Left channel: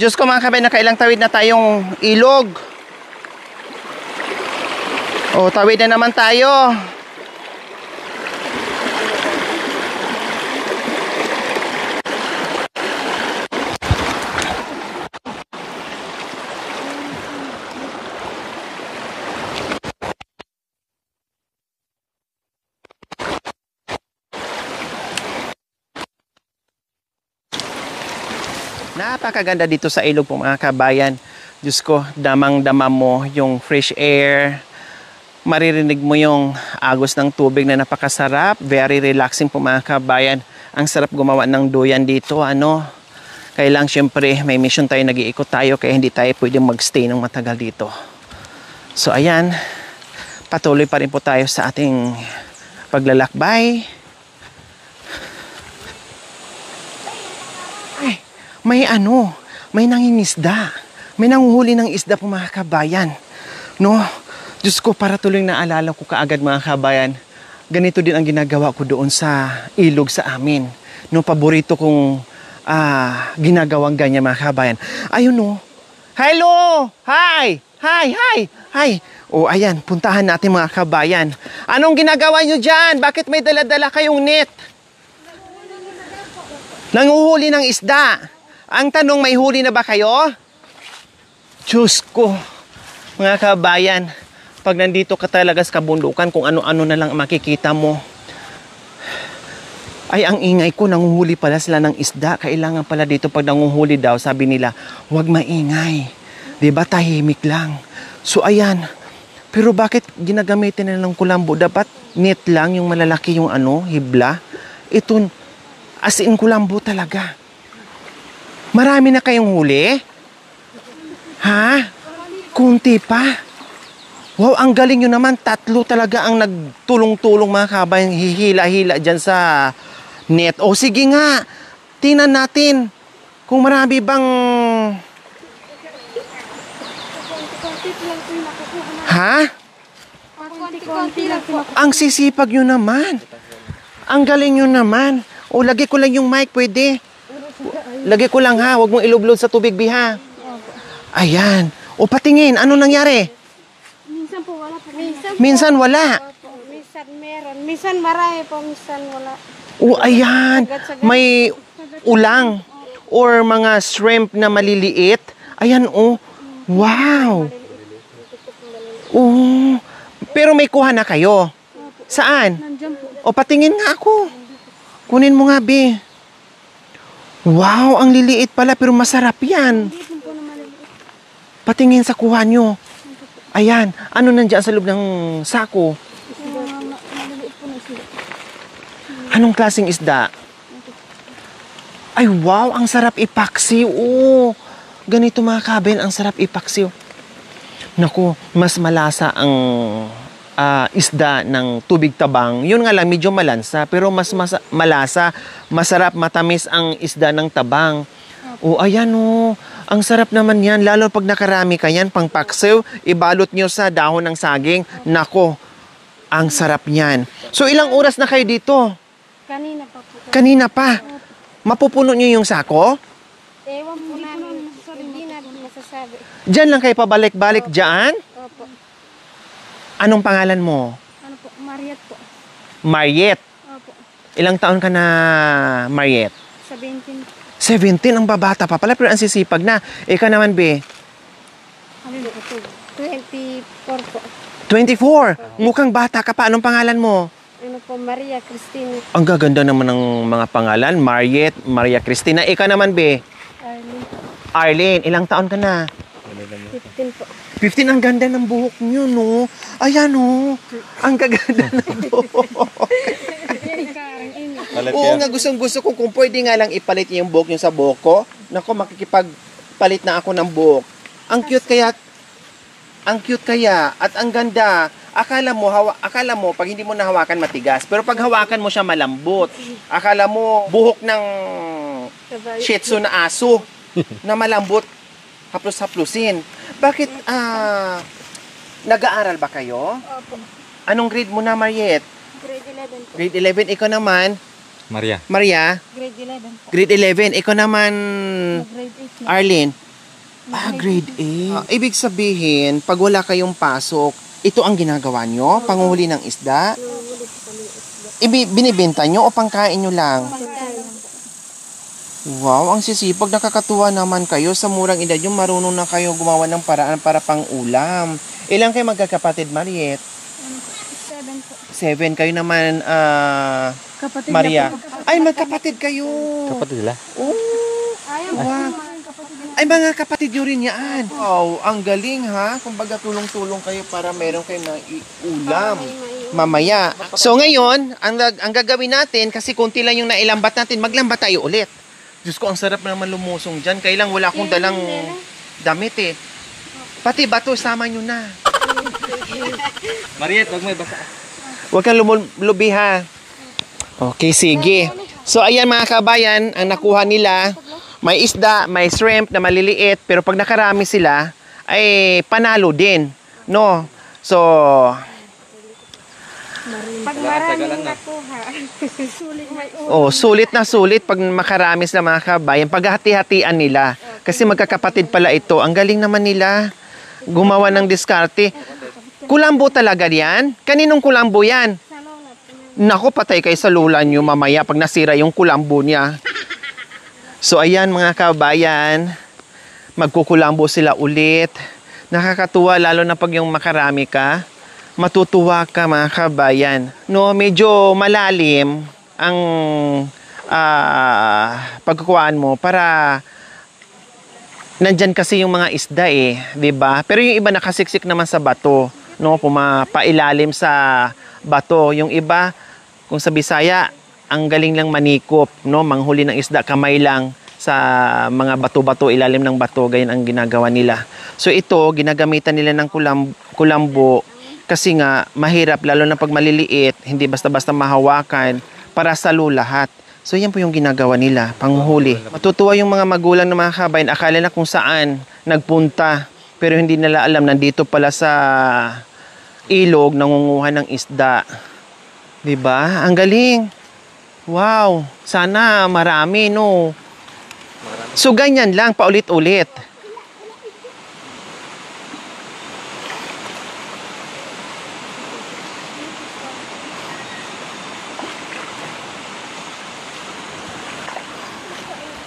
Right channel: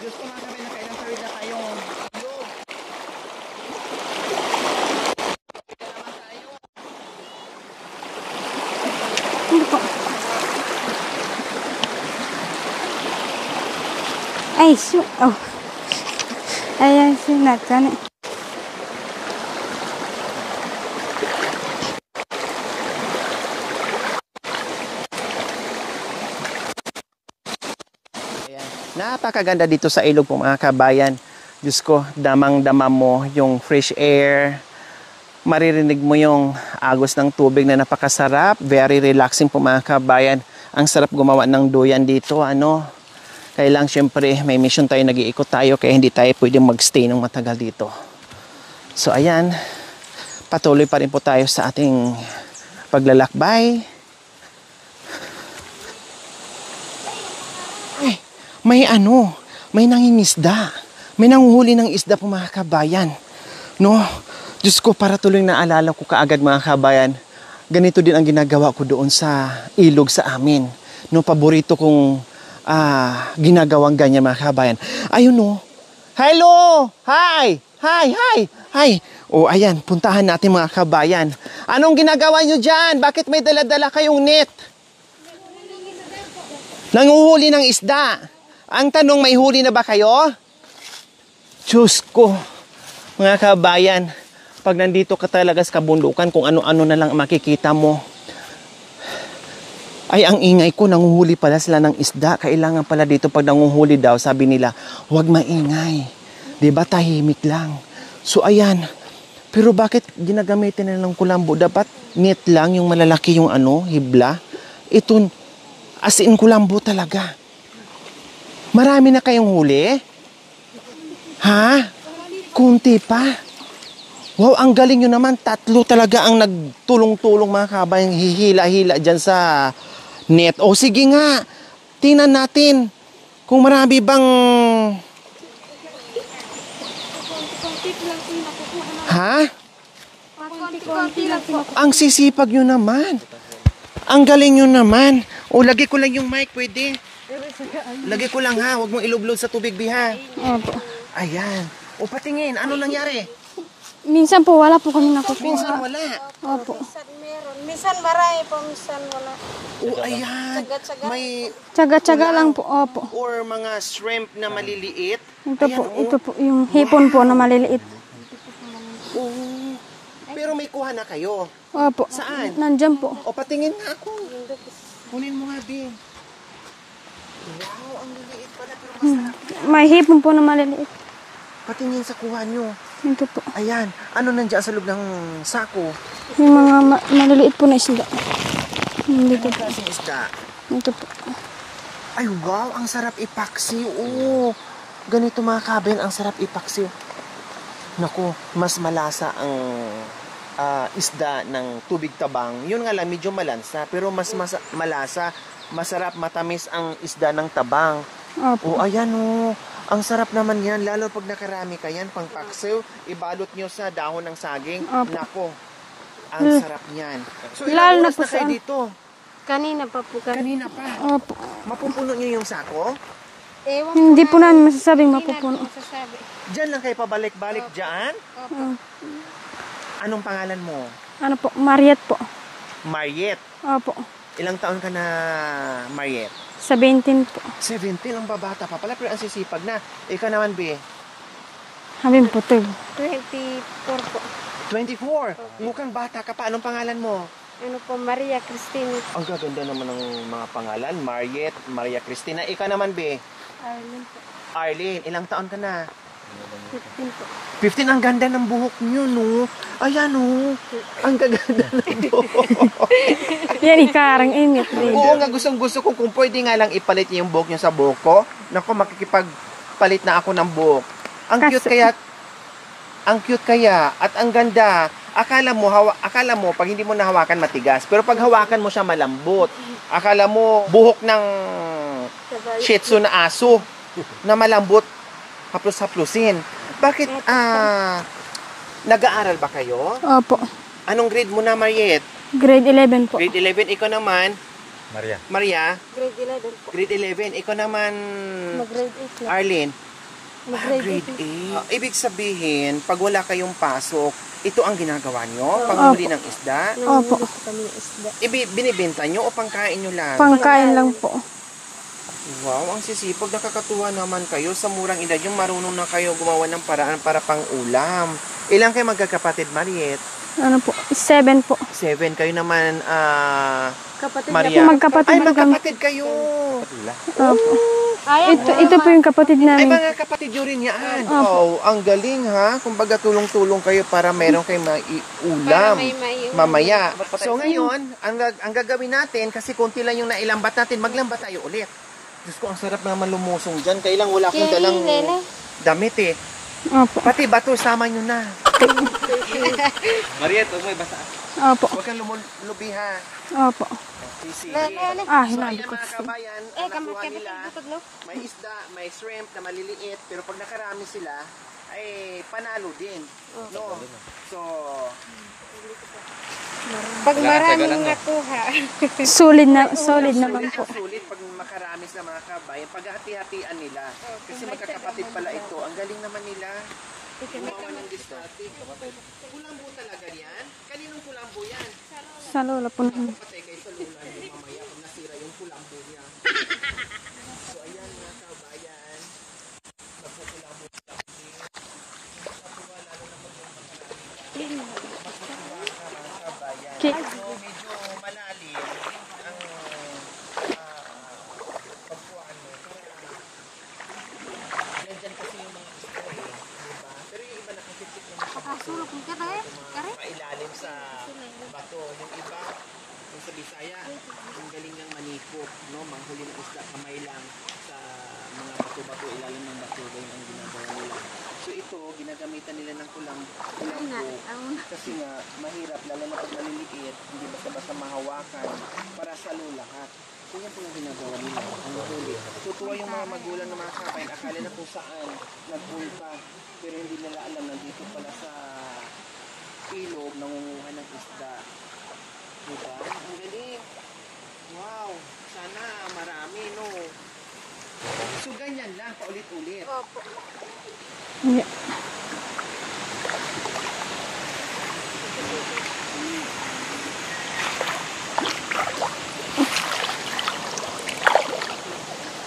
Diyos ko mga kabayan, nakailang tawid na tayong ilog. O, tawid na naman tayo. Ay, oh. Ayan, sunat ka na. Napakaganda dito sa ilog po mga kabayan. Diyos ko, damang-dama mo yung fresh air. Maririnig mo yung agos ng tubig na napakasarap. Very relaxing po mga kabayan. Ang sarap gumawa ng duyan dito. Kailang syempre may mission tayo, nag-iikot tayo. Kaya hindi tayo pwedeng magstay ng matagal dito. So ayan, patuloy pa rin po tayo sa ating paglalakbay. May nangingisda. May nanguhuli ng isda po mga kabayan. No, Diyos ko, para tuloy naalala ko kaagad mga kabayan, ganito din ang ginagawa ko doon sa ilog sa amin. No, paborito kong ginagawang ganyan mga kabayan. Ayun no. Hello! Hi! O ayan, puntahan natin mga kabayan. Anong ginagawa nyo dyan? Bakit may dala-dala kayong net? Nanguhuli ng isda. Ang tanong, may huli na ba kayo? Diyos ko, mga kabayan, pag nandito ka talaga sa kabundukan, kung ano-ano na lang makikita mo. Ay, ang ingay ko, nanguhuli pala sila ng isda. Kailangan pala dito pag nanguhuli daw, sabi nila, huwag maingay. Diba, tahimik lang. So, ayan. Pero bakit ginagamitin na ng kulambo? Dapat net lang, yung malalaki yung hibla. Ito, as in kulambo talaga. Marami na kayong huli? Ha? Kunti pa? Wow, ang galing nyo naman. 3 talaga ang nagtulong-tulong mga kabayan. Hihila-hila dyan sa net. O sige nga, tingnan natin kung marami bang... Ha? Ang sisipag nyo naman. Ang galing nyo naman. O, lagay ko lang yung mic, pwede? Lagay ko lang ha, huwag mong ilublod sa tubig, Biha. Opo. Ayan. O, patingin, ano nangyari? Minsan po, wala po kami nakukuha. Minsan wala. Opo. Minsan meron. Minsan marami po, minsan wala. O, ayan. May Tsaga-tsaga lang ulang po. Opo. or mga shrimp na maliliit. Ayan, Ito po, yung hipon po na maliliit. Oh. Pero may kuha na kayo. Opo. Saan? Nandyan po. O, patingin nga ako. Kunin mo nga, Bi. Wow, ang liliit pala pero masarap yan. May hipon po na maliliit. Patingin sa kuha nyo. Ito po. Ayan, ano nandiyan sa loob ng sako? Yung mga maliliit po na isda. Anong klaseng isda? Ito po. Ay, wow, ang sarap ipaksiw. Oh, ganito mga kabin, ang sarap ipaksiw. Naku, mas malasa ang isda ng tubig tabang. Yun nga lang, medyo malansa. Pero mas malasa, masarap, matamis ang isda ng tabang. Opo. O, ayan o. Ang sarap naman yan. Lalo pag nakarami ka yan, pang paksiw, ibalot nyo sa dahon ng saging. Opo. Nako, ang sarap yan. So, ilang Lalo oras na kayo dito? Kanina pa po. Kanina pa. Opo. Mapupuno nyo yung sako? Hindi po namin masasabing mapupuno. Diyan lang kayo pabalik-balik dyan? Anong pangalan mo? Ano po? Mariet po. Mariet. Opo. Ilang taon ka na, Mariet? 17 po. 17, ang babata pa pala, pero ang sisipag na. Ikaw naman, Be? Habing po, 24 po. 24. Mukhang bata ka pa. Anong pangalan mo? Ano po, Maria Cristina. Ang gaganda naman ng mga pangalan. Mariet, Maria Cristina. Ikaw naman, Be? Arlene po. Arlene, ilang taon ka na? 15 po. 15, ang ganda ng buhok nyo, no? Ayan, no? Ang gaganda ng buhok. Yan, ikarang init. Oo nga, gustong-gusto ko kung pwede nga lang ipalit niyo yung buhok nyo sa buhok ko. Naku, makikipagpalit na ako ng buhok. Ang cute kaya at ang ganda. Akala mo pag hindi mo nahawakan matigas, pero pag hawakan mo siya malambot. Akala mo buhok ng Shih Tzu na aso na malambot, haplos-haplusin. Bakit nag-aaral ba kayo? Opo. Anong grade mo na, Mariet? Grade 11 po. Grade 11. Ikaw naman? Maria. Maria? Grade 11 po. Grade 11. Ikaw naman? Grade Arlene? Grade Grade 8. Ibig sabihin, pag wala kayong pasok, ito ang ginagawa nyo? Panghuli ng isda? Opo. Binibenta nyo o pangkain nyo lang? Pangkain lang po. Wow, ang sisipag. Nakakatuwa naman kayo. Sa murang edad yung marunong na kayo gumawa ng paraan para pang-ulam. Ilang kayo magkakapatid, Mariet? Ano po? 7 po. 7. Kayo naman, Kapatid Maria. Magkapatid Ay, na kami. magkapatid kayo. Kapatid nila? Opo. Ayan. Ito po yung kapatid Ay, namin. mga kapatid nyo rin yan. Wow, ang galing ha. Kumbaga tulong-tulong kayo para meron kayo ulam mamaya. So ngayon, ang gagawin natin, kasi konti lang yung nailambat natin, maglambat tayo ulit. Diyos ko, ang sarap naman lumusong dyan. Kailang wala akong dalang damit eh. Opo. Pati bato, sama nyo na. Mariet, wag mo ipasa. Opo. Huwag kang lumulubi ha. Opo. Okay, sige. So ayan mga kabayan, ang nakuha nila, may isda, may shrimp na maliliit, pero pag nakarami sila, ay panalo din. No? So, Pag maraming nakuha. Sulit na. sulit na sulit pag makarami sila mga kabayan. Paghati-hatian nila. Kasi magkakapatid pala ito. Ang galing naman nila. Gumawa ng diskarte. Kulambo talaga yan? Kaninong kulambo yan? Sa lola po. Naku, patay kayo sa lula nyo mamaya pag nasira yung kulambo niya. So ayan mga kabayan, magkukulambo sila ulit. Nakakatuwa lalo na pag yung makarami ka. Matutuwa ka mga kabayan. No, medyo malalim ang pagkukuhaan mo para nandyan kasi yung mga isda eh, 'di ba? Pero yung iba nakasiksik naman sa bato, no, pumapailalim sa bato. Yung iba, kung sa Bisaya, ang galing lang manikop, no, manghuli ng isda kamay lang sa mga bato-bato, ilalim ng bato, ganyan ang ginagawa nila. So ito, ginagamitan nila ng kulambo kasi nga mahirap lalo na pag maliliit, hindi basta-basta mahawakan para salo lahat. So yan po yung ginagawa nila, panghuli. Matutuwa yung mga magulang ng mga kabayan, akala na kung saan nagpunta, pero hindi nila alam nandito pala sa ilog nangunguha ng isda. 'Di ba? Ang galing. Wow, sana marami, no. So ganyan lang paulit-ulit.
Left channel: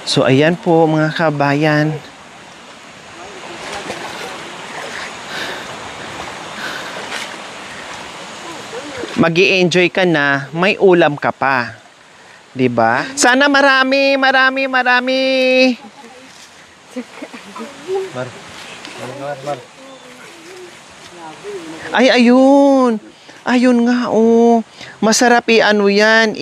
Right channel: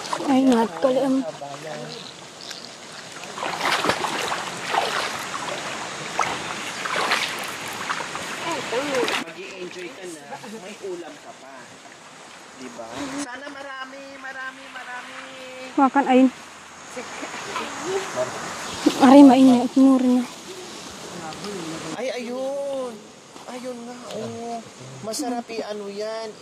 So ayan po mga kabayan. Magi-enjoy ka na, may ulam ka pa. 'Di ba? Sana marami. Makan ayun. Aray, mainit. Tinuro na. Ay, ayun. Ayun nga, oh. Masarap ano yan,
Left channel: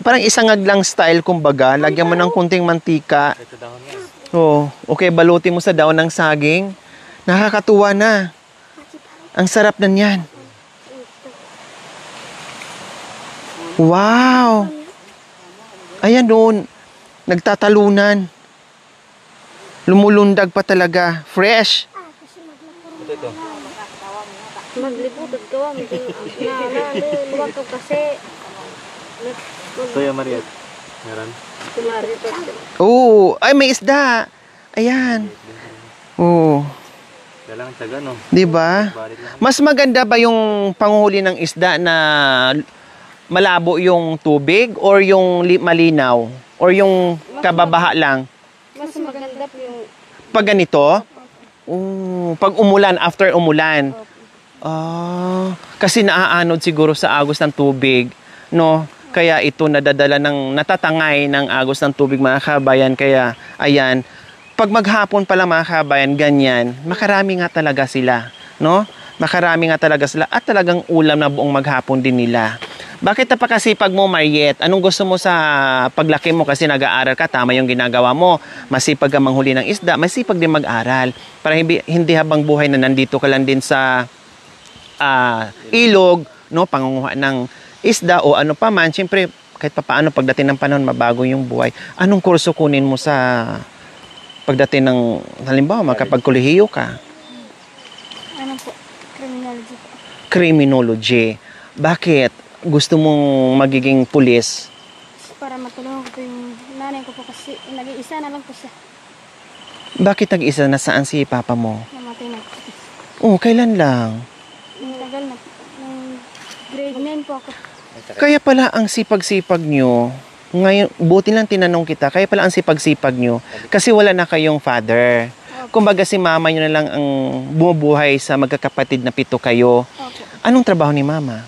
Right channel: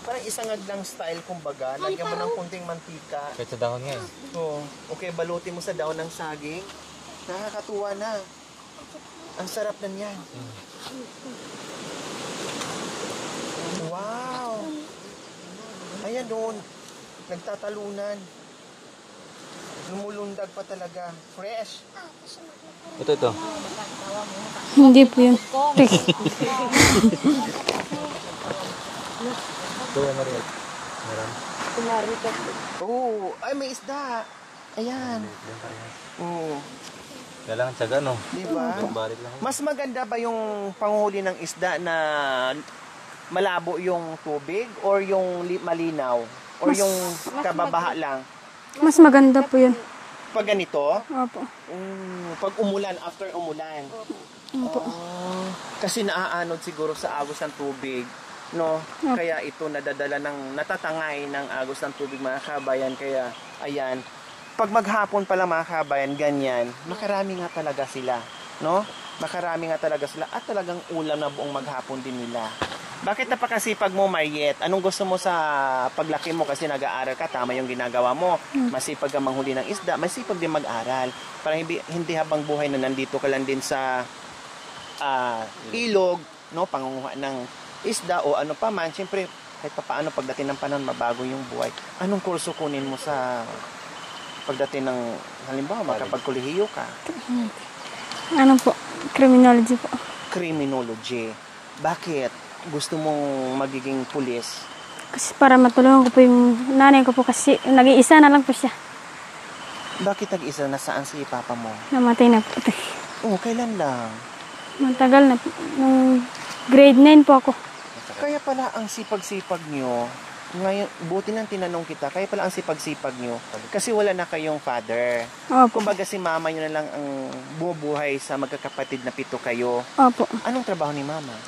parang isangag lang style, kumbaga. Lagyan mo ng kunting mantika. Kahit sa dahon yan. Oh, okay, balutin mo sa daon ng saging. Nakakatuwa na. Ang sarap na niyan. Wow! Ayan doon. Nagtatalunan. Lumulundag pa talaga. Fresh. Ito. Hindi po yun. Ito yung Mariet. Meron. Oo. Ay, may isda. Ayan. Oo. Dalang tiyaga, no? Diba? Balit lang. Mas maganda ba yung panghuli ng isda na malabo yung tubig or yung malinaw? Or yung kababaha lang? Mas maganda po yun. Pag ganito? Opo. Pag umulan, after umulan. Kasi naaanod siguro sa agos ng tubig, no? Kaya ito natatangay ng agos ng tubig mga kabayan. Kaya, ayan, pag maghapon pala mga kabayan, ganyan, makarami nga talaga sila, no? Makarami nga talaga sila at talagang ulam na buong maghapon din nila. Bakit napakasipag mo, Mariet? Anong gusto mo sa paglaki mo? Kasi nag-aaral ka, tama yung ginagawa mo. Masipag ka manghuli ng isda, masipag din mag-aral. Para hindi habang buhay na nandito ka lang din sa ilog, no, pangunguha ng isda o ano pa man. Siyempre, kahit papaano pagdating ng panahon, mabago yung buhay. Anong kurso kunin mo sa pagdating ng, halimbawa, makapagkolehiyo ka? Ano po? Criminology po. Criminology. Bakit? Gusto mong magiging pulis? Kasi para matulungan ko po yung nanay ko po kasi nag-iisa na lang po siya. Bakit nag-isa? Nasaan si papa mo? Namatay na po. Oh, kailan lang? Matagal na po. Nung grade 9 po ako. Kaya pala ang sipag-sipag nyo, ngayon, buti lang tinanong kita, kaya pala ang sipag-sipag nyo, kasi wala na kayong father. Opo. Kumbaga si mama nyo na lang ang bumubuhay sa magkakapatid na 7 kayo. Opo. Anong trabaho ni mama?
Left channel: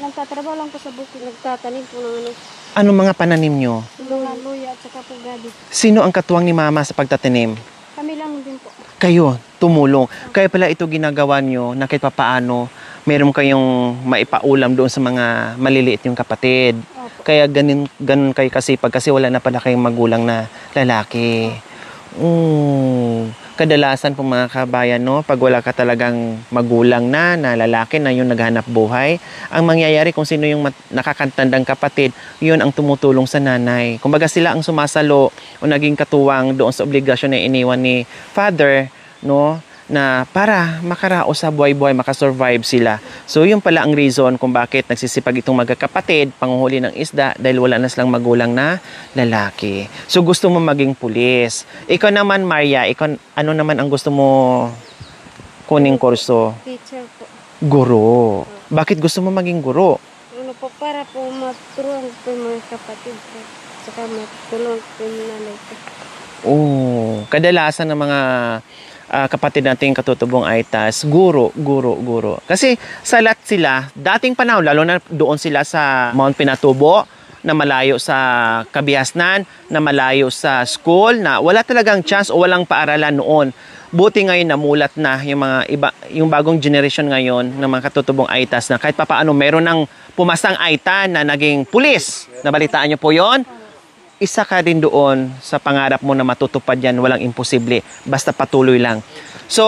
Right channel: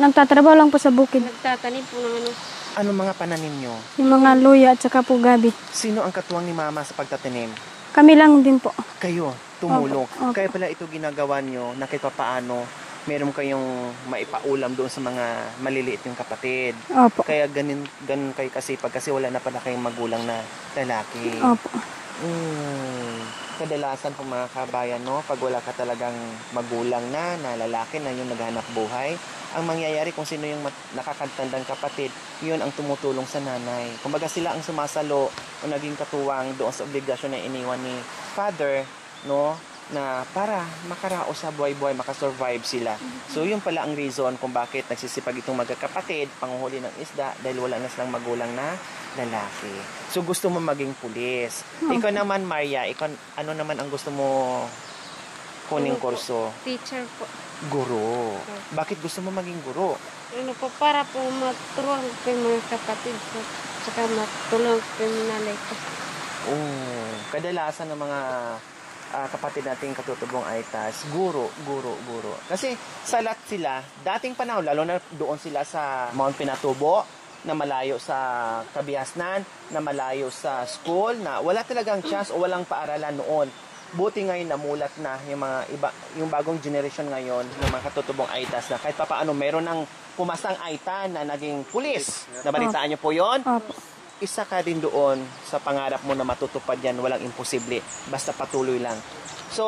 Nagtatrabaho lang po sa bukid. Nagtatanim po ng ano. Anong mga pananim nyo? Yung mga luya at saka po gabi. Sino ang katuwang ni mama sa pagtatanim? Kami lang din po. Kayo, tumulong. Opo. Kaya pala ito ginagawa nyo na kahit papaano, meron kayong maipaulam doon sa mga maliliit yung kapatid. Opo. Kaya ganun kayo kasipag kasi wala na pala kayong magulang na lalaki. Opo. Kadalasan po mga kabayan, no, pag wala ka talagang magulang na lalaki na yung naghanap buhay, ang mangyayari kung sino yung nakakatandang kapatid, yun ang tumutulong sa nanay. Kumbaga sila ang sumasalo o naging katuwang doon sa obligasyon na iniwan ni father, no, na para makaraos sa buhay-buhay, makasurvive sila. So, yun pala ang reason kung bakit nagsisipag itong magkakapatid, panguhuli ng isda, dahil wala na silang magulang na lalaki. So, gusto mo maging pulis. Ikaw naman, Maria, ano naman ang gusto mo kuning kurso? Teacher po. Guro. Bakit gusto mo maging guro? Ano po, para po maturuan ko yung mga kapatid ko. Saka matulungan ko yung nanay ko. Kadalasan ng mga kapatid natin katutubong Aitas, guro. Kasi salat sila, dating panahon, lalo na doon sila sa Mount Pinatubo, na malayo sa Kabiasnan, na malayo sa school, na wala talagang chance o walang paaralan noon. Buti ngayon namulat na yung mga iba, yung bagong generation ngayon ng mga katutubong Aitas na kahit papaano meron ng pumasang Aita na naging pulis. Nabalitaan niyo po yon? Opo. Isa ka rin doon sa pangarap mo na matutupad yan, walang imposible, basta patuloy lang. So,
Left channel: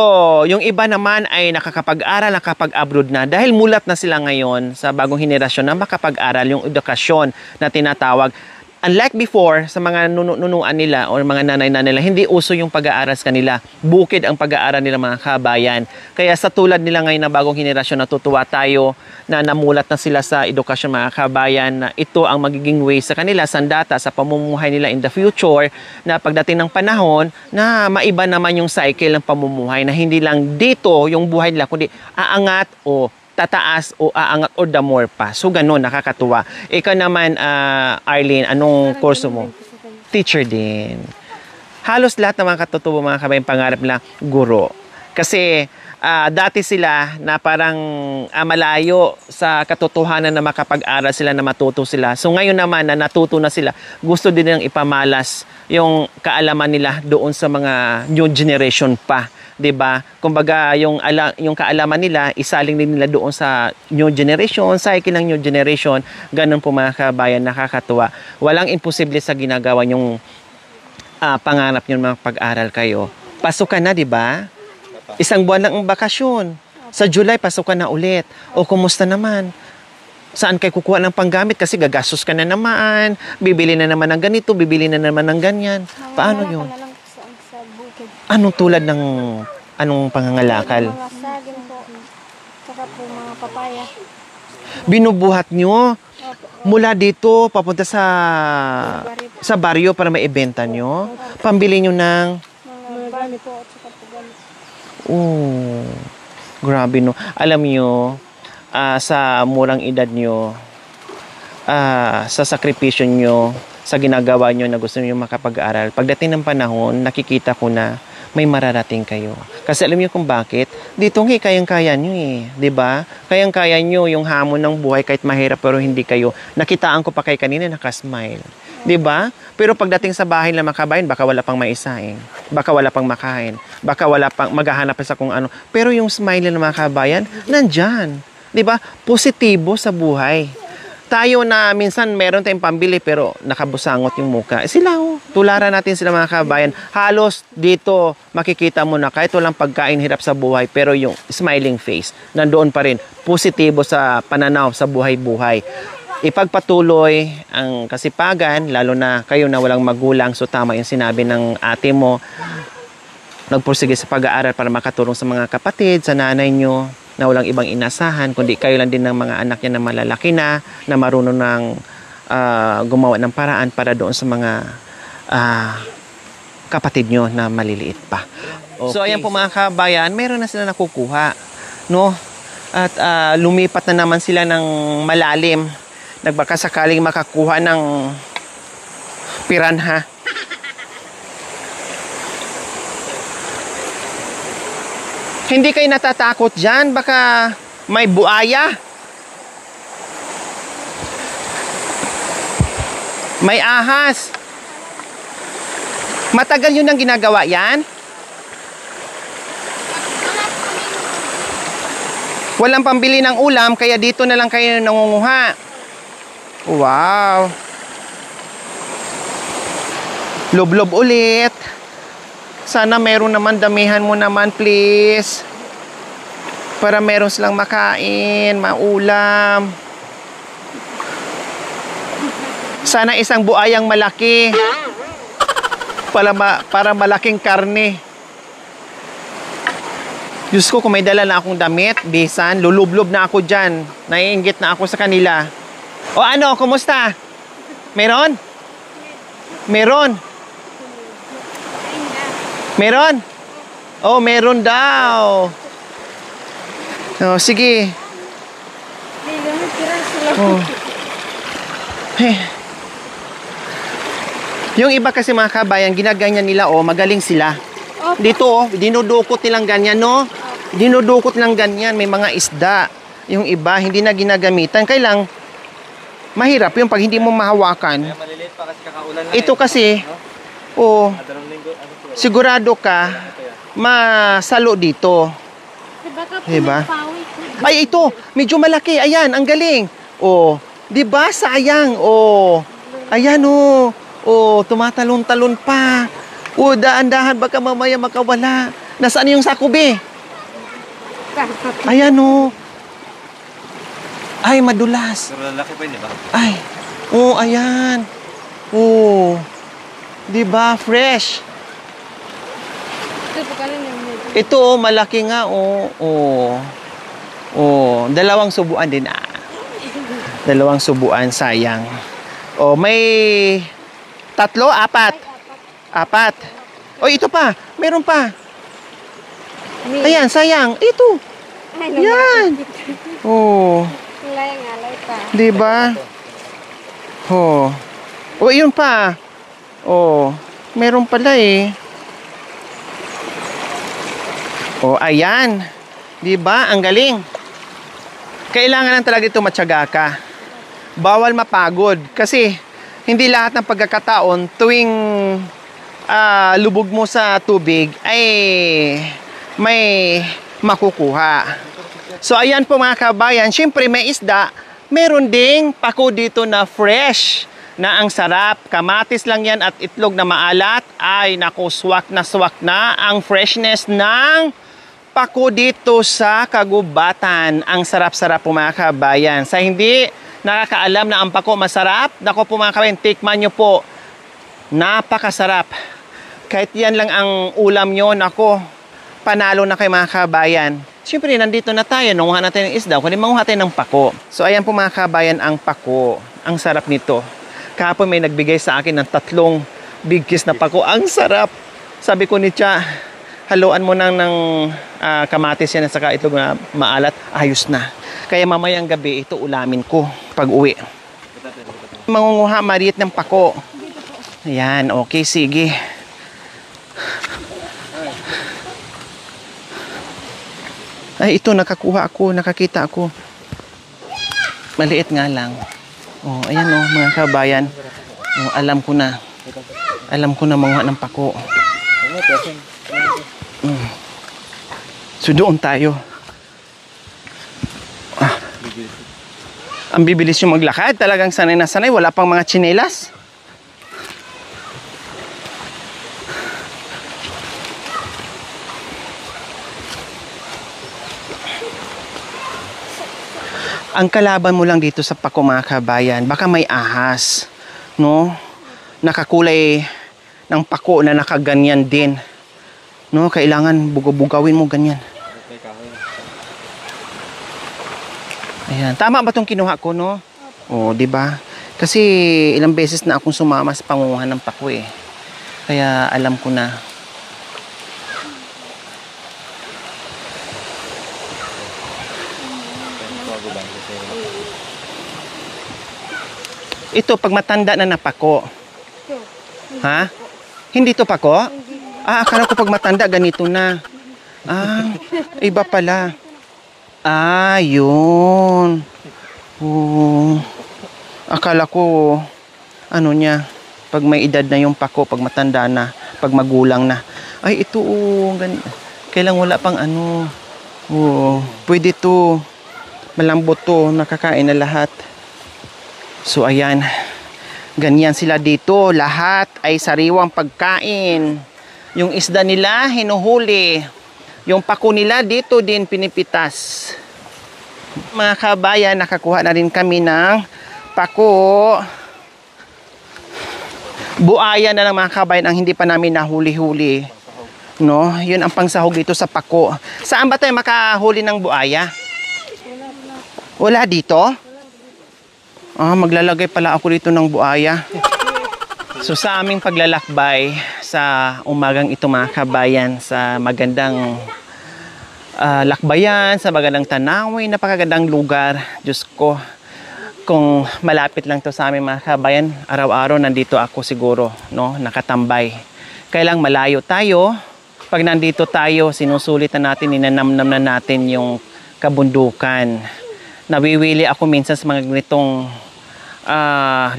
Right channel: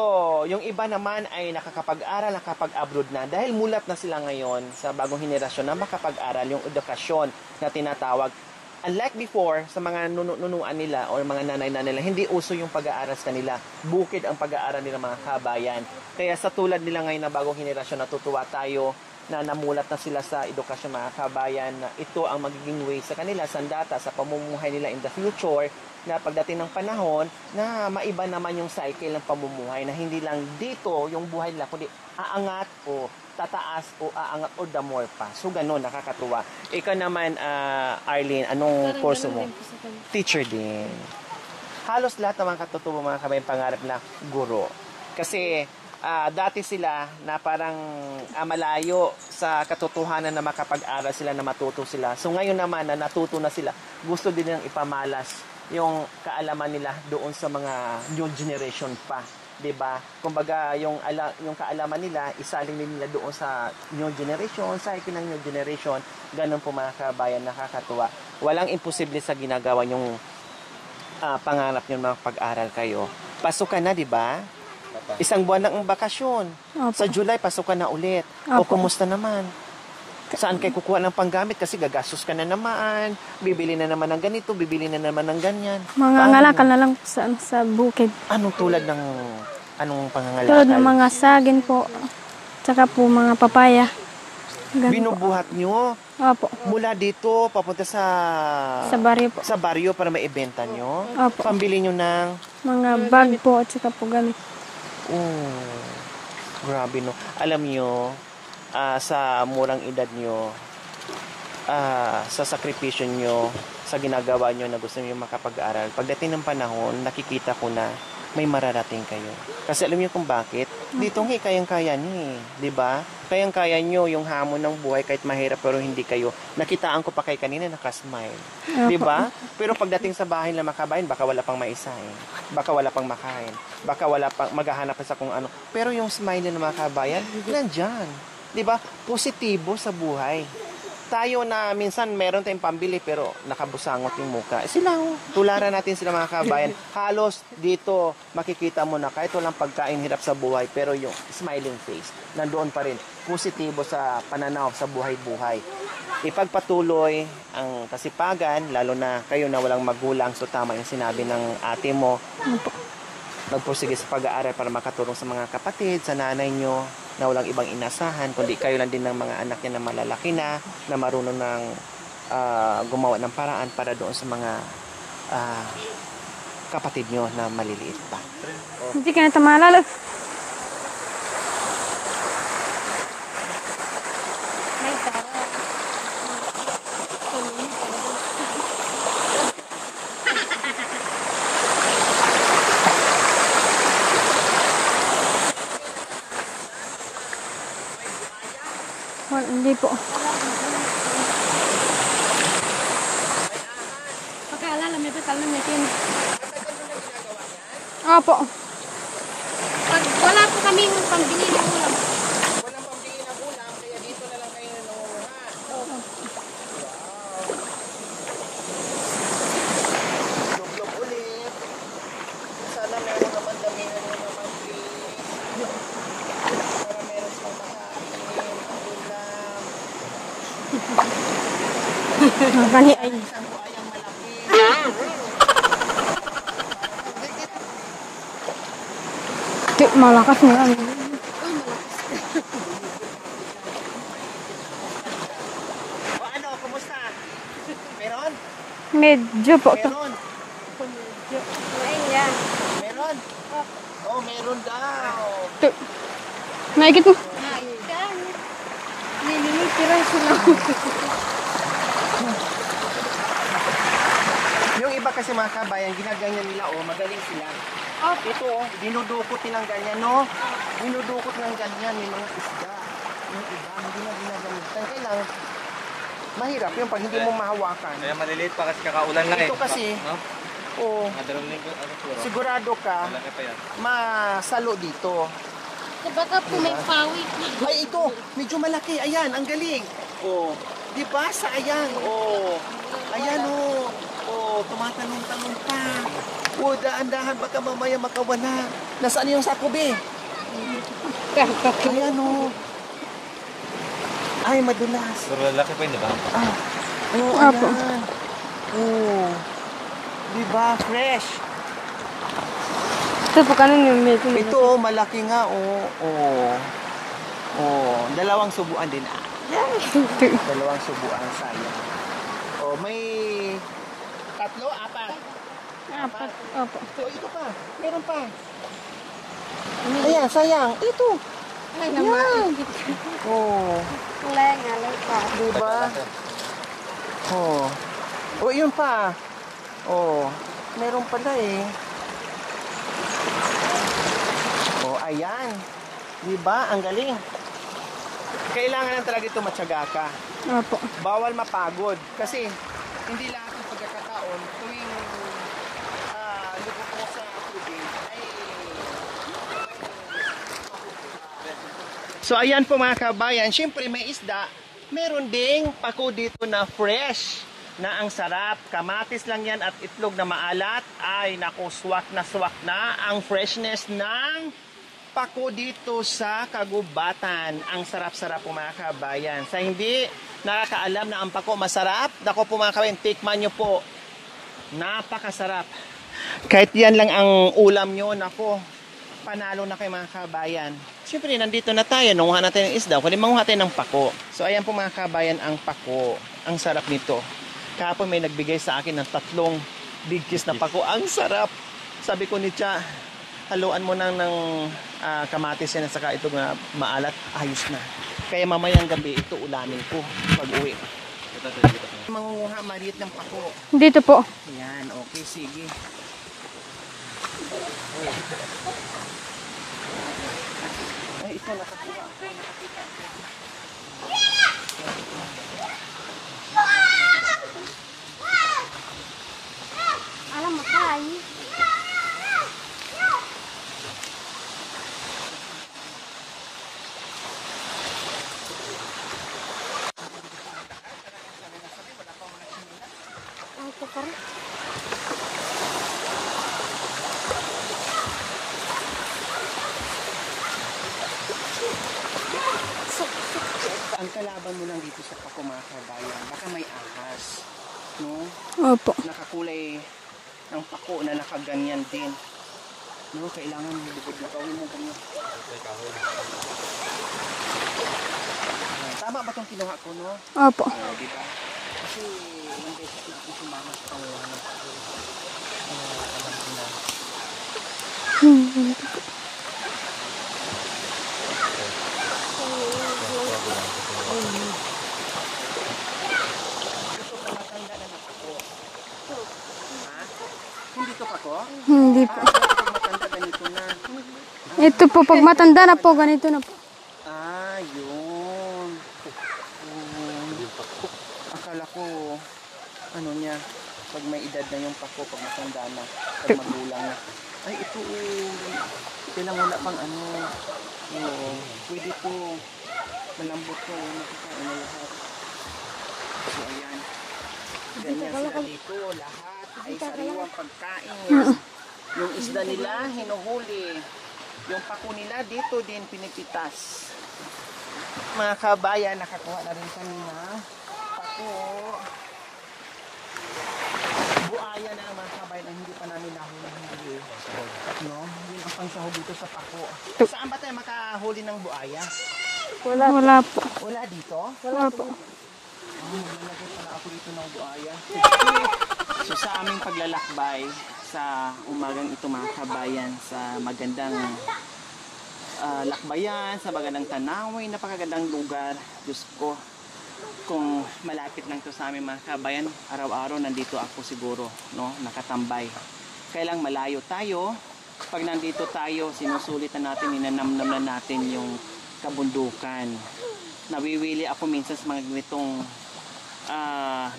yung iba naman ay nakakapag-aral, nakapag-abroad na dahil mulat na sila ngayon sa bagong henerasyon na makapag-aral, yung edukasyon na tinatawag. Unlike before, sa mga nunuan nila o mga nanay-nanay nila, hindi uso yung pag-aaral sa kanila. Bukid ang pag-aaral nila mga kabayan. Kaya sa tulad nila ngayon na bagong henerasyon, natutuwa tayo na namulat na sila sa edukasyon mga kabayan na ito ang magiging way sa kanila, sandata sa pamumuhay nila in the future na pagdating ng panahon na maiba naman yung cycle ng pamumuhay na hindi lang dito yung buhay nila kundi aangat o tataas o aangat or the more pa. So ganun, nakakatuwa. Ikaw naman, Arlene, anong kurso mo? Teacher din. Halos lahat ng mga katutubo mga kabayan pangarap nila, guro. Kasi dati sila na parang malayo sa katotohanan na makapag-aral sila, na matuto sila. So ngayon naman na natuto na sila, gusto din nilang ipamalas yung kaalaman nila doon sa mga new generation pa. 'Di ba? Kumbaga yung kaalaman nila isaling din nila doon sa new generation, cycle ng new generation. Ganun po mga kabayan, nakakatuwa. Walang imposible sa ginagawa yung pangarap niyo mga pag-aral kayo. Pasok ka na, 'di ba? Isang buwan lang ang bakasyon. Opo. Sa July pasok ka na ulit. O kumusta naman? Saan kayo kukuha ng panggamit? Kasi gagastos ka na naman, bibili na naman ng ganito, bibili na naman ng ganyan. Mga ngalakal na lang po sa bukid. Anong tulad ng anong Tulad pangangalakal? ng mga saging po. Tsaka po mga papaya. Binubuhat nyo Opo. mula dito papunta sa Baryo po. sa baryo para maibenta nyo. Opo. Pambili nyo ng Mga bag po at saka po ganun. Grabe no. Alam nyo, sa murang edad nyo, sa sakripisyo nyo, sa ginagawa nyo na gusto nyo makapag-aral, pagdating ng panahon, nakikita ko na may mararating kayo. Kasi alam nyo kung bakit? Dito nga, kayang-kaya nyo eh. 'Di ba? Kayang-kaya nyo yung hamon ng buhay kahit mahirap pero hindi kayo. Nakitaan ko pa kay kanina, nakasmile. 'Di ba? Pero pagdating sa bahay ng makabayan, baka wala pang maisain. Baka wala pang makain. Baka wala pang maghahanap sa kung ano. Pero yung smile ng mga kabayan, nandyan. 'Di ba? Positibo sa buhay. Tayo na minsan meron tayong pambili pero nakabusangot yung muka. Sila, tularan natin sila mga kabayan. Halos dito makikita mo na kahit walang pagkain, hirap sa buhay, pero yung smiling face, nandoon pa rin. Positibo sa pananaw sa buhay-buhay. Ipagpatuloy ang kasipagan, lalo na kayo na walang magulang. So tama yung sinabi ng ate mo. Nagpursige sa pag-aaral para makatulong sa mga kapatid, sa nanay nyo, na walang ibang inasahan, kundi kayo lang din ng mga anak niya na malalaki na marunong ng gumawa ng paraan para doon sa mga kapatid nyo na maliliit pa. So ayan po mga kabayan, meron na sila nakukuha, no? At lumipat na naman sila ng malalim. Nagbaka sakaling makakuha ng piranha. Hindi kayo natatakot dyan? Baka may buaya? Hindi po. May ahas? Matagal yun ang ginagawa yan? Opo. Wala po kami ng pambili. Walang pambili ng ulam, kaya dito na lang kayo nangunguha. Wow. Lublob ulit. Sana meron naman, damihan mo naman please. Para meron silang makain, maulam. Sana isang buayang malaki. Para malaking karne. Malakas na. Diyos ko, kung may dala na akong damit, bisan, lulublob na ako dyan. Naiinggit na ako sa kanila. O ano, kumusta? Meron? Medyo po. Meron? Meron? Oh, meron daw. Naikit mo. Oh, sige. Oh. Hey. Yung iba kasi mga kabayan, ginaganyan nila, oh, magaling sila. Dito, oh, dinudukot nilang ganyan, no? Dinudukot nilang ganyan, may mga isda. Yung iba, hindi na ginagamitan. Kailang, mahirap yung pag hindi mo mahawakan. Maliliit pa kasi kakaulan na Ito kasi, oh, sigurado ka, masalo dito. Baka po Diba? may pawit. Ay, ito, medyo malaki. Ayan, ang galing. Oh, di ba sayang? Oh, ayan, oh. Oh, tumatalon-talon pa. Oh, daan-dahan, baka mamaya makawala. Nasaan yung sakubi? Ayan, oh. Ay, madulas. Pero lalaki pa yun, di ba? Ay, oh, ayan. Oh, di ba? Fresh. Ito po kanin yung medyo. Ito, oh, malaki nga, oh. Oh. Oh, dalawang subuan din, ah. Dalawang subuan, sayang. Oh, may 3, 4. 4. Oh, ito pa. Meron pa. Ayan, sayang. Ito. Yan. Oh. Di ba? Oh. Oh, yun pa. Oh. Meron pala eh. Oh, ayan. Di ba? Ang galing. Kailangan lang talaga ito matyaga ka. Opo. Bawal mapagod. Kasi, hindi lahat ng pagkakataon tuwing lubog mo sa tubig ay may makukuha. So, ayan po mga kabayan. Siyempre, may isda. Meron ding pako dito na fresh. Na ang sarap. Kamatis lang yan at itlog na maalat. Ay, naku, swak na ang freshness ng pako dito sa kagubatan. Ang sarap-sarap po mga kabayan. Sa hindi nakakaalam na ang pako masarap, naku po mga kabayan, tikman nyo po. Napakasarap. Kahit yan lang ang ulam nyo, naku, panalo na kay mga kabayan. Siyempre, nandito na tayo. Nanguha natin ng isda. Kundi manguha tayo ng pako. So, ayan po mga kabayan, ang pako. Ang sarap nito. Kahapon may nagbigay sa akin ng 3 big kiss na pako. Ang sarap. Sabi ko ni Tia, haluan mo nang ng kamatis yan at saka ito na maalat. Ayos na. Kaya mamayang gabi, ito ulamin ko pag uwi. Mangunguha, Mariet, ng pako. Dito po. Ayan, okay, sige. Ay, ito, nakakuha ako, nakakita ako. Maliit nga lang. Oh, ayan oh, mga kabayan. Oh, alam ko na. Alam ko na manguha ng pako. So, doon tayo. Ang bibilis yung maglakad. Talagang sanay na sanay. Wala pang mga tsinelas. Ang kalaban mo lang dito sa pako mga kabayan, baka may ahas, no? Opo. Nakakulay ng pako na nakaganyan din. No, kailangan bugawin mo ganyan. Ayan, tama ba 'tong kinuha ko, no? Opo. Oh, 'di ba? Kasi ilang beses na akong sumama sa pangunguhan ng pako eh. Kaya alam ko na. Ito, pag matanda na napako. Ha? Hindi to pako? Hindi. Akala ko pag matanda, ganito na. Ito po, pag matanda iba na po, pala. ganito na po. Yun. Oo. Akala ko, ano niya, pag may edad na yung pako, pag matanda na, pag magulang na. Ay, ito, kailang wala pang ano. Oo. Pwede to. Malambot to, nakakain na lahat. So, ayan. Ganyan sila dito. Lahat ay sariwang pagkain. Yung isda nila, hinuhuli. Yung pako nila, dito din pinipitas. Mga kabayan, nakakuha na rin kami ng pako. Buaya na lang mga kabayan ang hindi pa namin nahuli-huli. No? Yun ang pangsahog dito sa pako. Saan ba tayo makahuli ng buaya? Wala po. Wala dito? Wala po. Maglalagay pala ako dito ng buaya. So sa aming paglalakbay sa umagang ito mga kabayan, sa magandang lakbayan, sa magandang tanawin, napakagandang lugar. Diyos ko, kung malapit lang to sa aming mga kabayan, araw-araw nandito ako siguro, no, nakatambay. Kailang malayo tayo, pag nandito tayo, sinusulit na natin, ninanamnam na natin yung kabundukan. Nawiwili ako minsan sa mga ganitong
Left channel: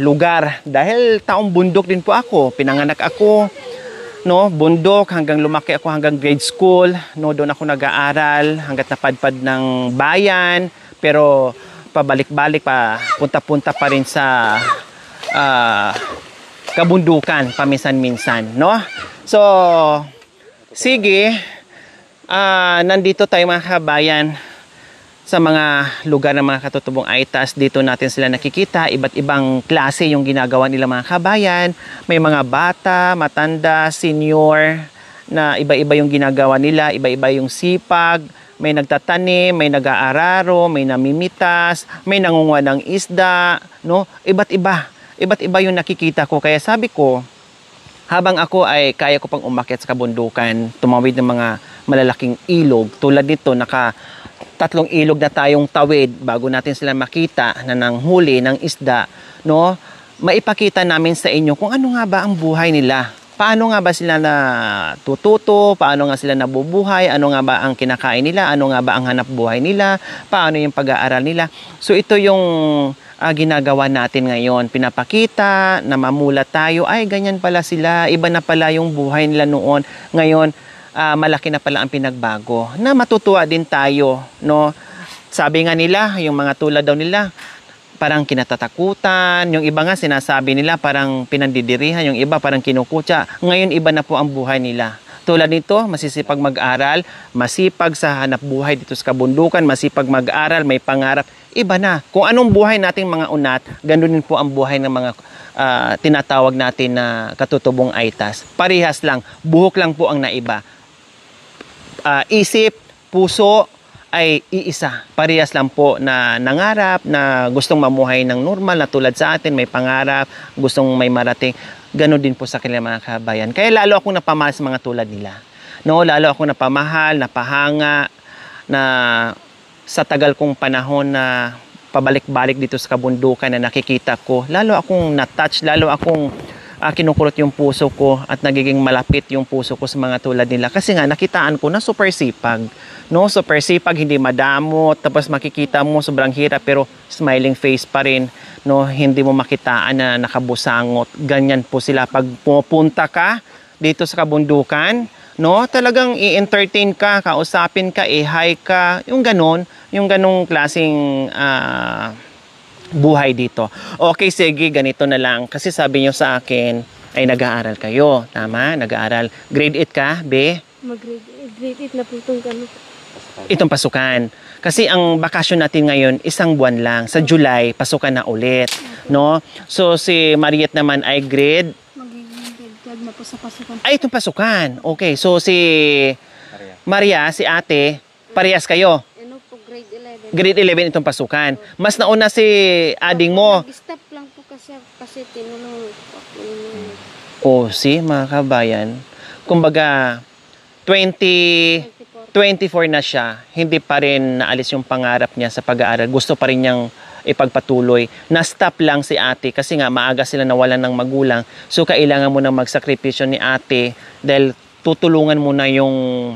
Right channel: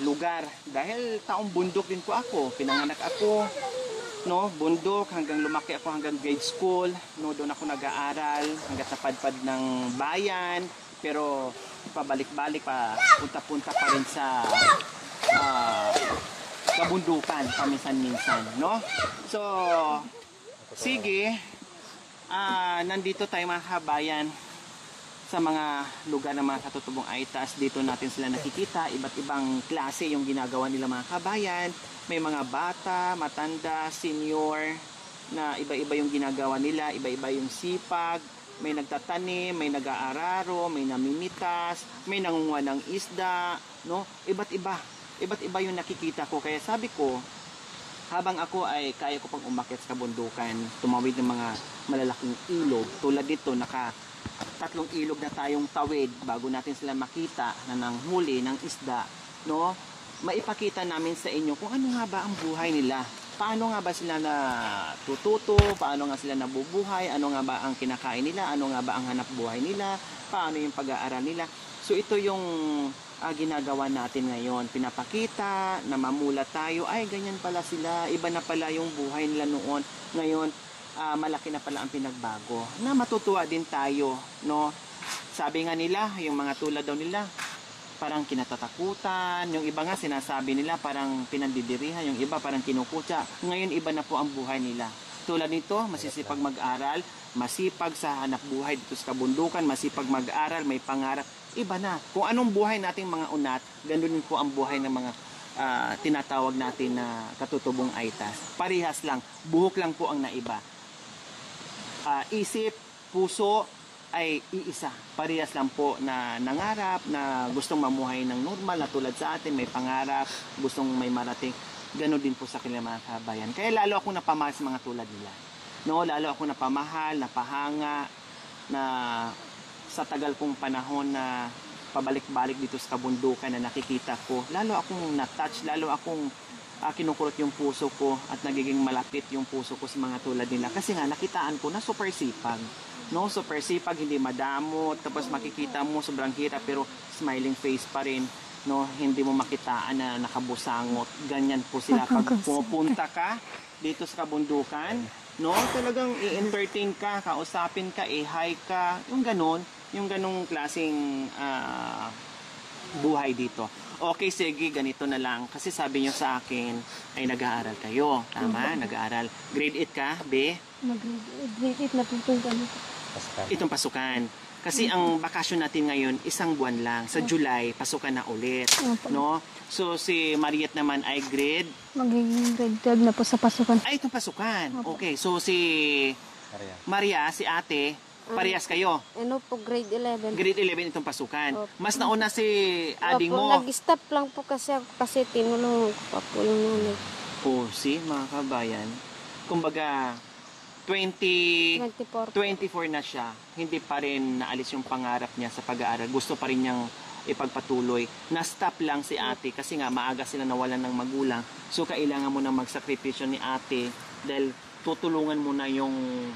lugar dahil taong bundok din po ako. Pinanganak ako, no, bundok hanggang lumaki ako hanggang grade school, no, doon ako nag-aaral hangga't napadpad ng bayan, pero pabalik-balik pa, punta-punta pa rin sa kabundukan paminsan-minsan, no? So, sige, nandito tayo mga kabayan sa mga lugar ng mga katutubong Aitas. Dito natin sila nakikita, iba't ibang klase yung ginagawa nila mga kabayan. May mga bata, matanda, senior, na iba-iba yung ginagawa nila, iba-iba yung sipag. May nagtatanim, may nag-aararo, may namimitas, may nangunguha ng isda, no? Iba't iba yung nakikita ko. Kaya sabi ko, habang ako ay kaya ko pang umakyat sa kabundukan, tumawid ng mga malalaking ilog, tulad nito, tatlong ilog na tayong tawid bago natin sila makita na nanghuli ng isda, no? Maipakita namin sa inyo kung ano nga ba ang buhay nila. Paano nga ba sila natututo? Paano nga sila nabubuhay? Ano nga ba ang kinakain nila? Ano nga ba ang hanap buhay nila? Paano yung pag-aaral nila? So ito yung ginagawa natin ngayon. Pinapakita na mamulat tayo. Ay, ganyan pala sila. Iba na pala yung buhay nila noon. Ngayon, malaki na pala ang pinagbago. Na matutuwa din tayo, no? Sabi nga nila, yung mga tulad daw nila, parang kinatatakutan. Yung iba nga sinasabi nila parang pinandidirihan. Yung iba parang kinukutya. Ngayon iba na po ang buhay nila. Tulad nito, masisipag mag-aral, masipag sa hanap buhay dito sa kabundukan, masipag mag-aral, may pangarap. Iba na. Kung anong buhay nating mga unat, ganun din po ang buhay ng mga tinatawag natin na katutubong Aitas. Parehas lang. Buhok lang po ang naiba. Isip, puso ay iisa. Parehas lang po na nangarap, na gustong mamuhay ng normal na tulad sa atin, may pangarap, gustong may marating. Ganon din po sa kanilang mga kabayan. Kaya lalo akong napamahal sa mga tulad nila. No, lalo akong napamahal, napahanga, na sa tagal kong panahon na pabalik-balik dito sa kabundukan na nakikita ko, lalo akong na-touch, lalo akong kinukulot yung puso ko at nagiging malapit yung puso ko sa mga tulad nila. Kasi nga, nakitaan ko na super sipag. No? Super sipag, hindi madamot. Tapos makikita mo, sobrang hirap, pero smiling face pa rin. No? Hindi mo makitaan na nakabusangot. Ganyan po sila. Pag pupunta ka dito sa kabundukan, no? Talagang i-entertain ka, kausapin ka, i-hi ka. Yung ganong klaseng buhay dito. Okay, sige, ganito na lang. Kasi sabi nyo sa akin, ay nag-aaral kayo. Tama? Nag-aaral. Grade 8 ka, be? Mag-grade 8 na po itong ganito. Itong pasukan. Kasi ang bakasyon natin ngayon, isang buwan lang. Sa July, pasukan na ulit. No? So, si Mariette naman ay grade? Magiging grade 12 na po sa pasukan. Ay, itong pasukan. Okay, so si Maria, si ate, parehas kayo. Ano po, grade 11. Grade 11 itong pasukan. Mas nauna si ading mo. Nag-stop lang po kasi ako kasi tinulungan ko pa po yung nanay. O, si mga kabayan, kumbaga, 24. 24 na siya, hindi pa rin naalis yung pangarap niya sa pag-aaral. Gusto pa rin niyang ipagpatuloy. Na-stop lang si ate kasi nga maaga sila nawalan ng magulang. So, kailangan mo na magsakripisyo ni ate dahil tutulungan mo na yung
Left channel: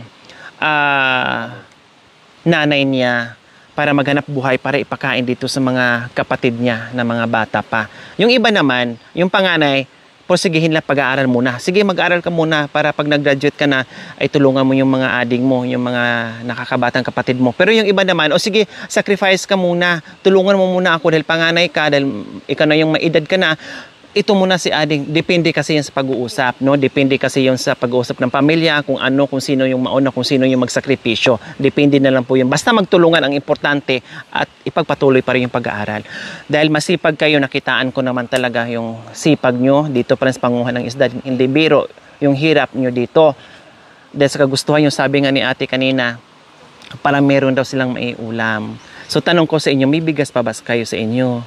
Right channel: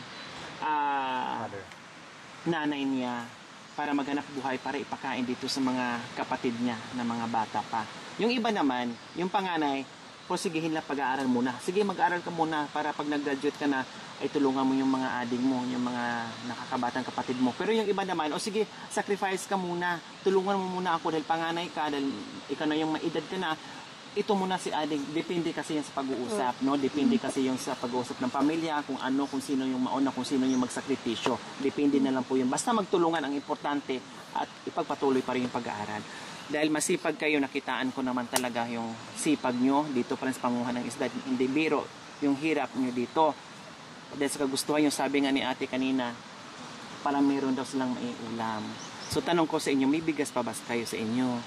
nanay niya para maghanap buhay para ipakain dito sa mga kapatid niya na mga bata pa. Yung iba naman, yung panganay, porsigihin lang pag-aaral muna. Sige, mag-aaral ka muna para pag nag-graduate ka na, ay tulungan mo yung mga ading mo, yung mga nakakabatang kapatid mo. Pero yung iba naman, o sige, sacrifice ka muna. Tulungan mo muna ako dahil panganay ka, dahil ikaw na yung maedad ka na. Ito muna si ading, depende kasi yan sa pag-uusap, no? Depende kasi yan sa pag-uusap ng pamilya, kung ano, kung sino yung mauna, kung sino yung magsakripisyo. Depende na lang po yun. Basta magtulungan ang importante at ipagpatuloy pa rin yung pag-aaral. Dahil masipag kayo, nakitaan ko naman talaga yung sipag nyo dito pa rin sa panguhan ng isda. Hindi biro yung hirap nyo dito. Dahil sa kagustuhan yung sabi nga ni ate kanina, para meron daw silang maiulam. So tanong ko sa inyo, may bigas pa ba kayo sa inyo?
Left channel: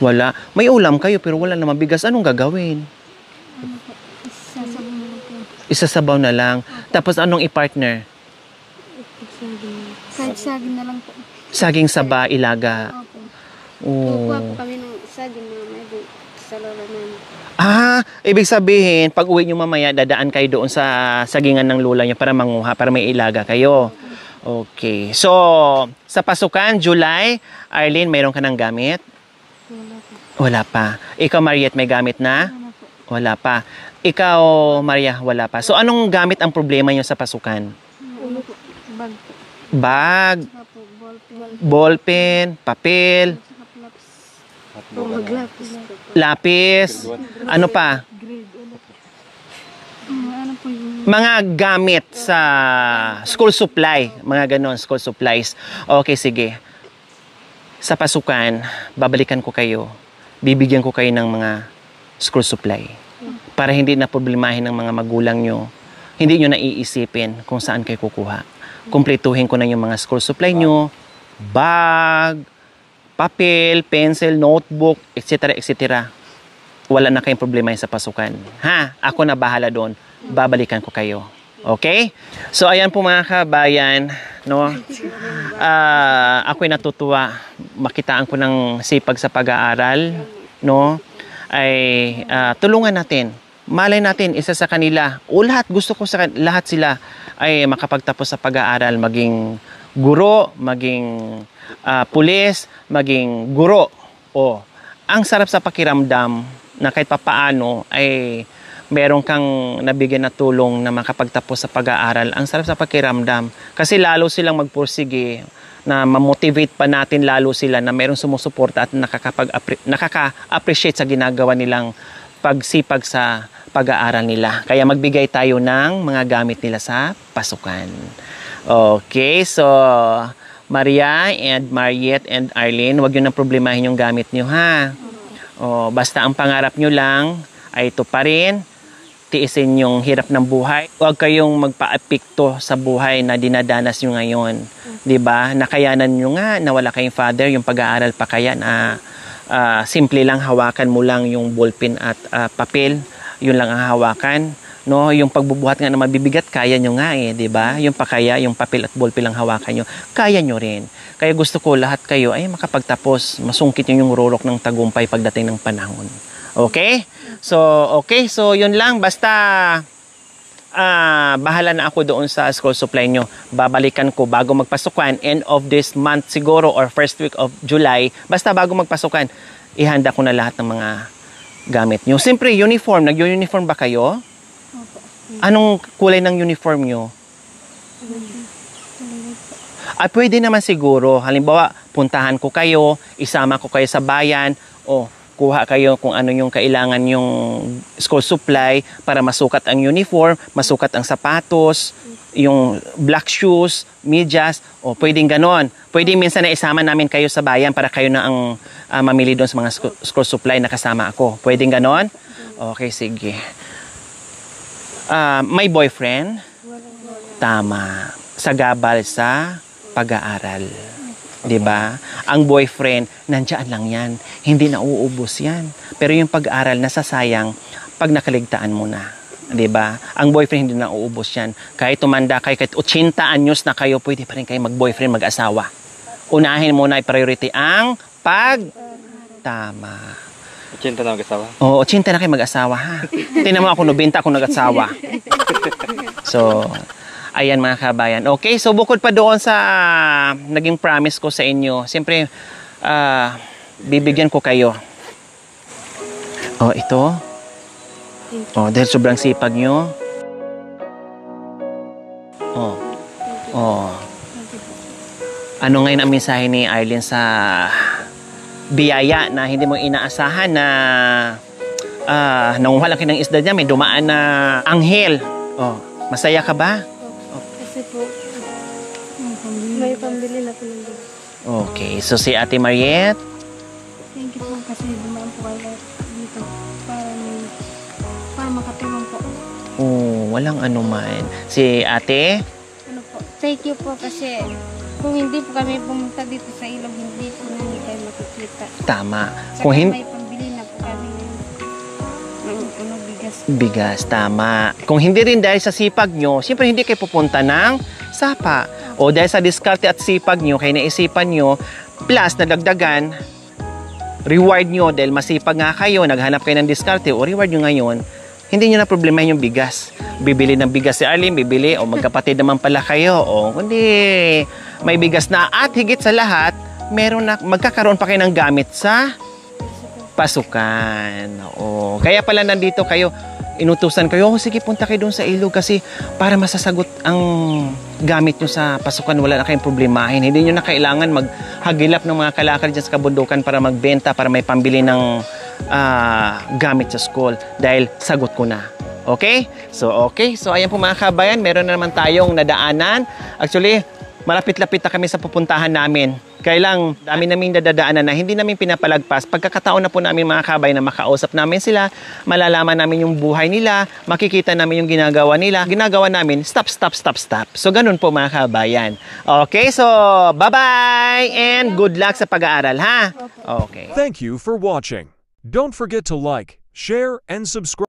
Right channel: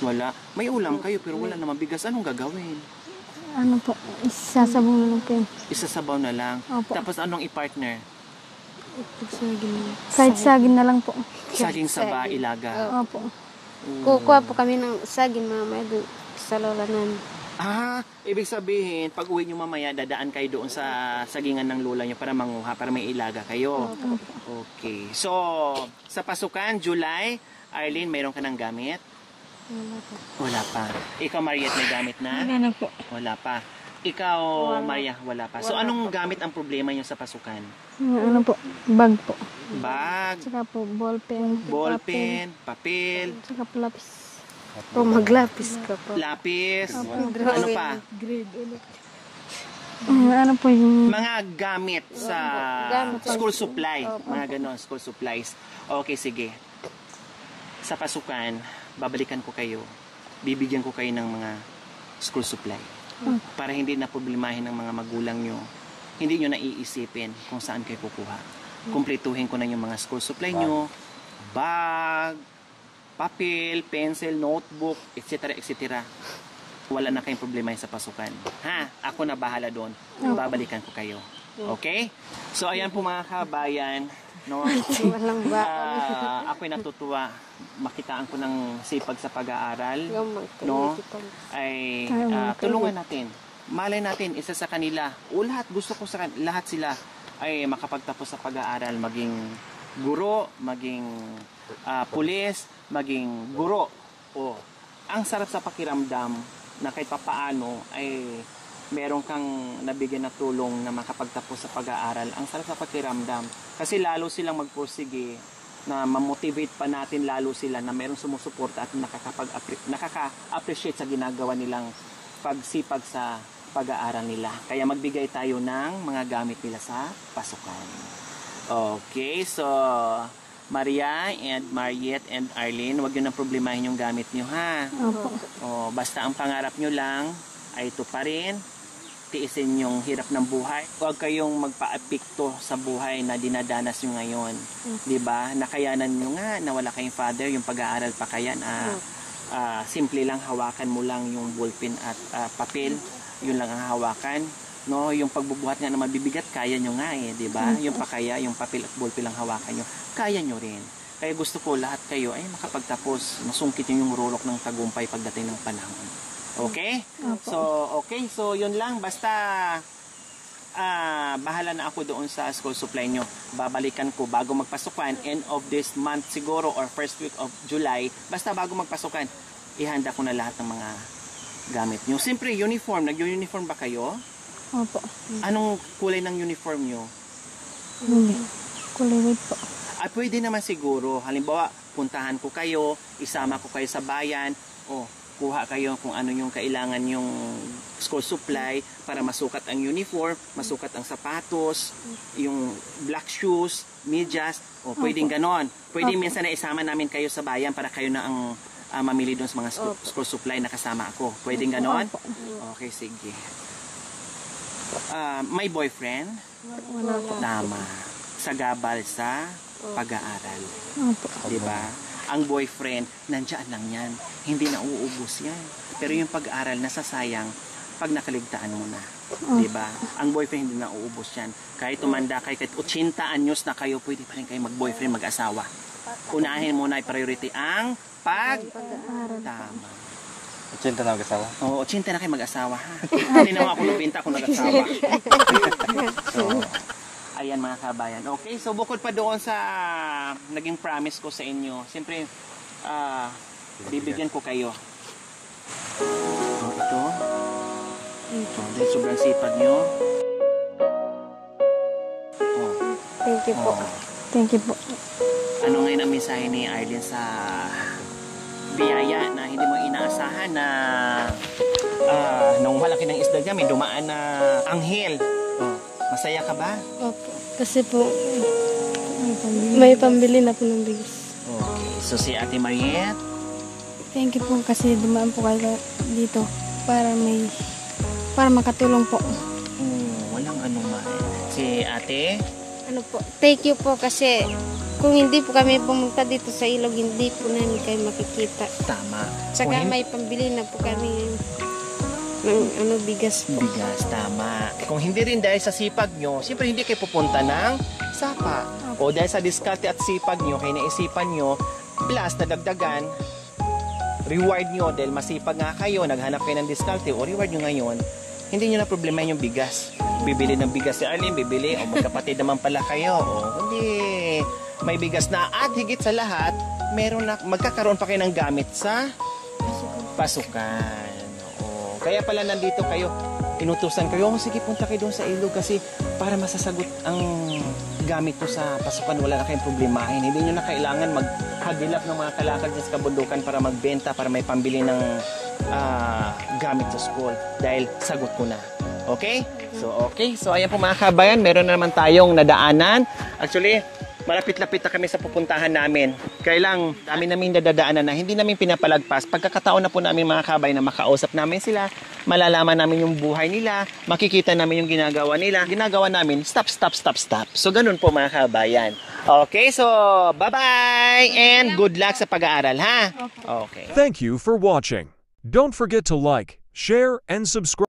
Wala. May ulam kayo pero wala naman bigas. Anong gagawin? Ano po, isasabaw na lang po yun. Isasabaw na lang. Opo. Tapos anong i-partner? Kahit saging na lang po. Saging saba, ilaga. Opo. Kukuha Oh. po kami ng saging mamaya doon sa lola namin. Ibig sabihin, pag uwi nyo mamaya, dadaan kayo doon sa sagingan ng lula nyo para manguha, para may ilaga kayo. Okay. So, sa pasukan, July, Arlene, mayroon ka ng gamit? Wala pa. Ikaw, Mariette, may gamit na? Ano po? Wala pa. Ikaw, Maria, wala pa. So, anong gamit ang problema nyo sa pasukan? Ano po, bag po. Bag, Saka po, ballpen. ballpen, papel, Saka po lapis. O maglapis ka po. lapis, ano pa? Ano po yung... Mga gamit sa school supply. Mga ganon, school supplies. Okay, sige. Sa pasukan, babalikan ko kayo. Bibigyan ko kayo ng mga school supply. Para hindi na problemahin ng mga magulang nyo. Hindi nyo naiisipin kung saan kayo kukuha. Kumpletuhin ko na yung mga school supply nyo. Bag, papel, pencil, notebook, etc. etc. Wala na kayong problema sa pasukan. Ha? Ako na bahala doon. Babalikan ko kayo. Okay? So, ayan po mga kabayan. No? Ako'y natutuwa. Makitaan ko ng sipag sa pag-aaral. No? Ay tulungan natin. Malay natin, isa sa kanila. O lahat, gusto ko sa lahat sila ay makapagtapos sa pag-aaral. Maging guro, maging pulis, maging guro. O, ang sarap sa pakiramdam na kahit papaano ay meron kang nabigyan na tulong na makapagtapos sa pag-aaral. Ang sarap sa pakiramdam. Kasi lalo silang magpursige na ma-motivate pa natin lalo sila na meron sumusuporta at nakaka-appreciate sa ginagawa nilang pagsipag sa pag-aaral nila. Kaya magbigay tayo ng mga gamit nila sa pasukan. Okay, so Maria and Mariette and Arlene, huwag yun ang problemahin yung gamit nyo, ha? O, basta ang pangarap nyo lang ay ito pa rin. Tiisin yung hirap ng buhay. Huwag kayong magpa-apekto sa buhay na dinadanas nyo ngayon. 'Di ba? Nakayanan nyo nga na wala kayong father, yung pag-aaral pa kaya na simple lang hawakan mo lang yung ballpen at papel. Yun lang ang hawakan. No, yung pagbubuhat nga na mabibigat, kaya nyo nga 'di ba? Yung pakaya, yung papel at ballpen lang hawakan nyo, kaya nyo rin. Kaya gusto ko lahat kayo ay makapagtapos, masungkit yung rurok ng tagumpay pagdating ng panahon. Okay? So yun lang. Basta, bahala na ako doon sa school supply nyo. Babalikan ko bago magpasukan. End of this month siguro or first week of July. Basta bago magpasukan, ihanda ko na lahat ng mga gamit nyo. Siyempre, uniform. Nag-uniform ba kayo? Opo. Anong kulay ng uniform nyo? Kulay white po. Pwede naman siguro. Halimbawa, puntahan ko kayo, isama ko kayo sa bayan, o kuha kayo kung ano yung kailangan yung school supply para masukat ang uniform, masukat ang sapatos, yung black shoes, medyas, o pwedeng ganon. Pwedeng minsan na isama namin kayo sa bayan para kayo na ang mamili doon sa mga school supply na kasama ako. Pwedeng ganon? Okay, sige. May boyfriend? Tama. Sagabal sa pag-aaral. Opo. 'Di ba? Ang boyfriend, nandiyan lang 'yan. Hindi na uubos 'yan. Pero yung pag-aaral nasasayang pag nakaligtaan mo na. 'Di ba? Ang boyfriend hindi na uubos 'yan. Kahit tumanda kayo, kahit 80 anyos na kayo, pwede pa rin kayo mag-boyfriend, mag-asawa. Unahin muna i-priority ang tama. 80 na mag-asawa. Oo, 80 na kayo mag-asawa, ha? Tingnan mo ako, 90 akong nag-asawa. So, ayan mga kabayan. Okay, so bukod pa doon sa naging promise ko sa inyo, siyempre, bibigyan ko kayo. Oh, ito. Oh, dahil sobrang sipag nyo. Oh. Thank you. Oh. Thank you po. Ano ngayon ang mensahe ni Arlene sa biyaya na hindi mo inaasahan na nangunguha lang kayo ng isda niya, may dumaan na anghel. Oh, masaya ka ba? Opo. Kasi po, may pambili na po ng bigas. Okay, so si Ate Mariette, Thank you po kasi dumaan po kayo dito para makatulong po. oh, walang anuman. Si Ate, Ano po? Thank you po kasi kung hindi po kami pumunta dito sa ilog, hindi po namin kayo makikita. tama. Saka Kung hindi, may pambili na po kami ng bigas po. bigas, tama. Kung hindi rin dahil sa sipag nyo, siyempre hindi kayo pupunta ng sapa. O dahil sa diskarte at sipag nyo, kaya naisipan nyo, plus nadagdagan, reward nyo dahil masipag nga kayo, naghanap kayo ng diskarte o reward nyo ngayon, hindi nyo na problema yung bigas. Bibili ng bigas si Arlene, bibili, o magkapatid naman pala kayo, o kundi may bigas na at higit sa lahat, meron na, magkakaroon pa kayo ng gamit sa pasukan. O, kaya pala nandito kayo, inutusan kayo, sige punta kayo doon sa ilog kasi para masasagot ang gamit nyo sa pasukan, wala na kayong problemahin. Hindi nyo na kailangan maghagilap ng mga kalakal dyan sa kabundukan para magbenta, para may pambili ng gamit sa school dahil sagot ko na. Okay? So, ayan po mga kabayan, meron na naman tayong nadaanan. Actually, malapit-lapit na kami sa pupuntahan namin. Kaya lang, dami naming nadadaanan na hindi namin pinapalagpas. Pagkakataon na po namin mga kabay na makausap namin sila, malalaman namin yung buhay nila, makikita namin yung ginagawa nila. Ginagawa namin, stop. So, ganun po mga kabayan. Okay, so, bye-bye! And good luck sa pag-aaral, ha? Okay. Thank you for watching. Don't forget to like, share, and subscribe.